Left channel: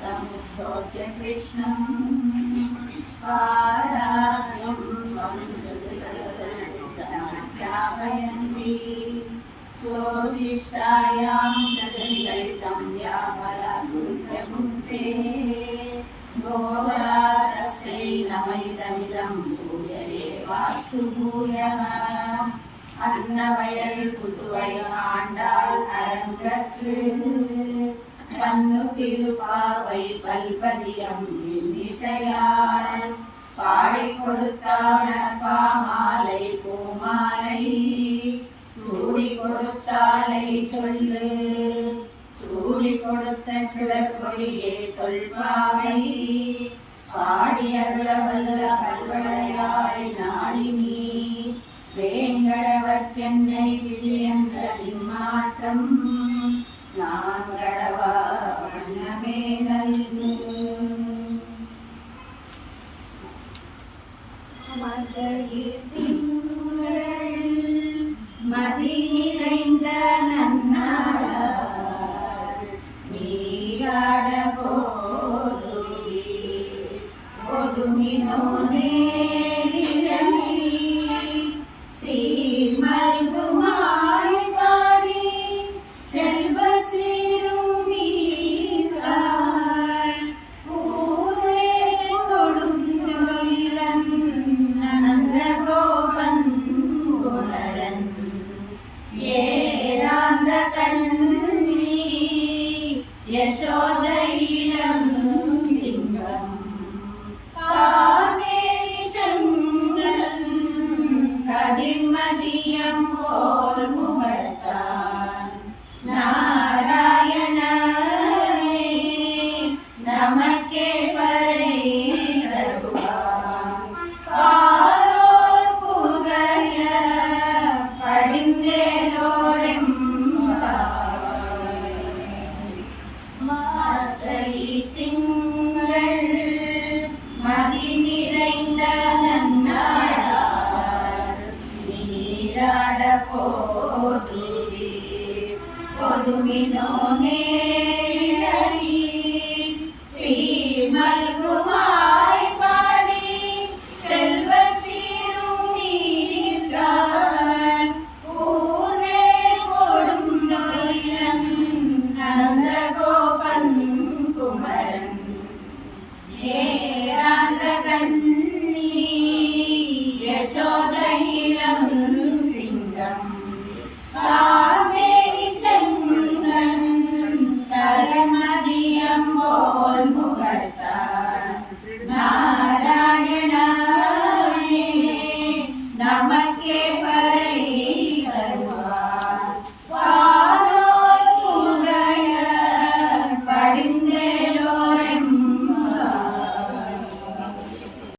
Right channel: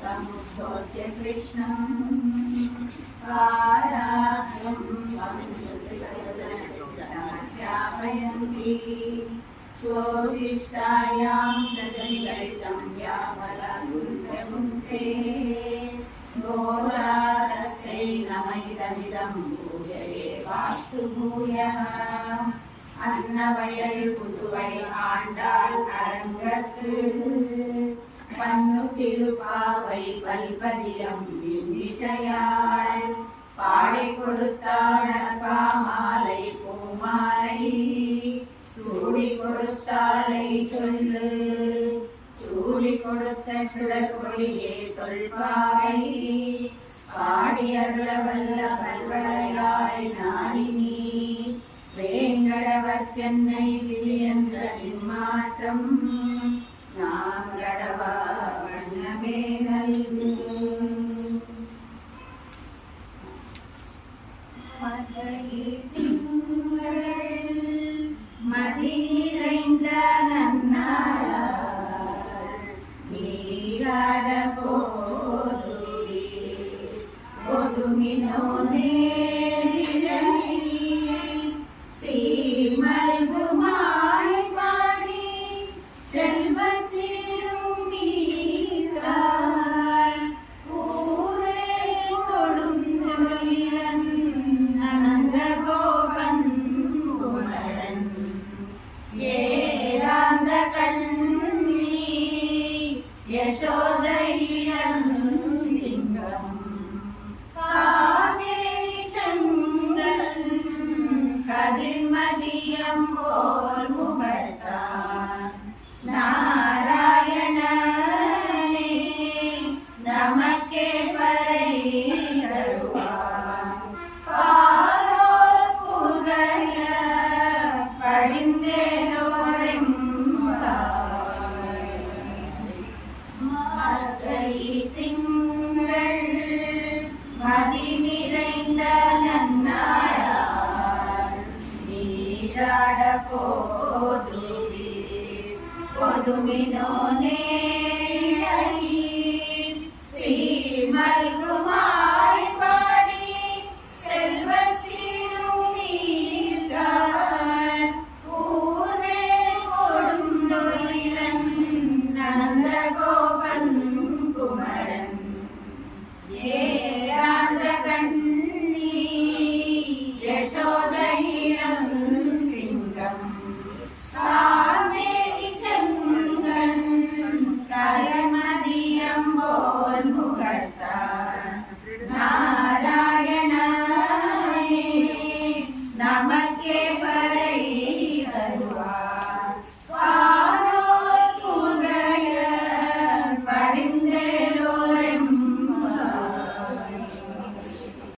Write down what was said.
समुद्भोज्य कृष्णं पाराद्रं स्वामिन्द्रयन्ति स्वोदिष्टायां सजनिललितं यामलागुण्ठमुक्ते घोरारस्यै नमैदमिदं भूयये वास्तु भूयः அன்னவயல் புதுவை ஆண்டாள் அரங்கற்கு பன்னு திருப்பாவை பல்பதியம் இசையாள் பாடி கொடுத்தாள் பாமாலை பூமாலை சூடி கொடுத்தாளை சொல்லு சூடி கொடுத்த சுடற்கொடியே தொல்பாவை பாடியருள வல்ல பல்வளையாய் நாடினி வேங்கடவர்க்கென்னை விதி என்ற இம்மாற்றம் நான் கடவா வண்ணமே நல்கு திங்கள் மதி நிறைந்த நன்னாள் நீராட போதுமினோ யசோதையிடம் சிங்கம் கார்மேனி செங்கன் கதிர்மதியம் போல் முகத்தான் நாராயணனே நமக்கே பறை தருவான் பாரோர் புகழ படிந்தேனோடும் திங்கள் மதி நிறைந்த நன்னாள் நீராட போதுமினோ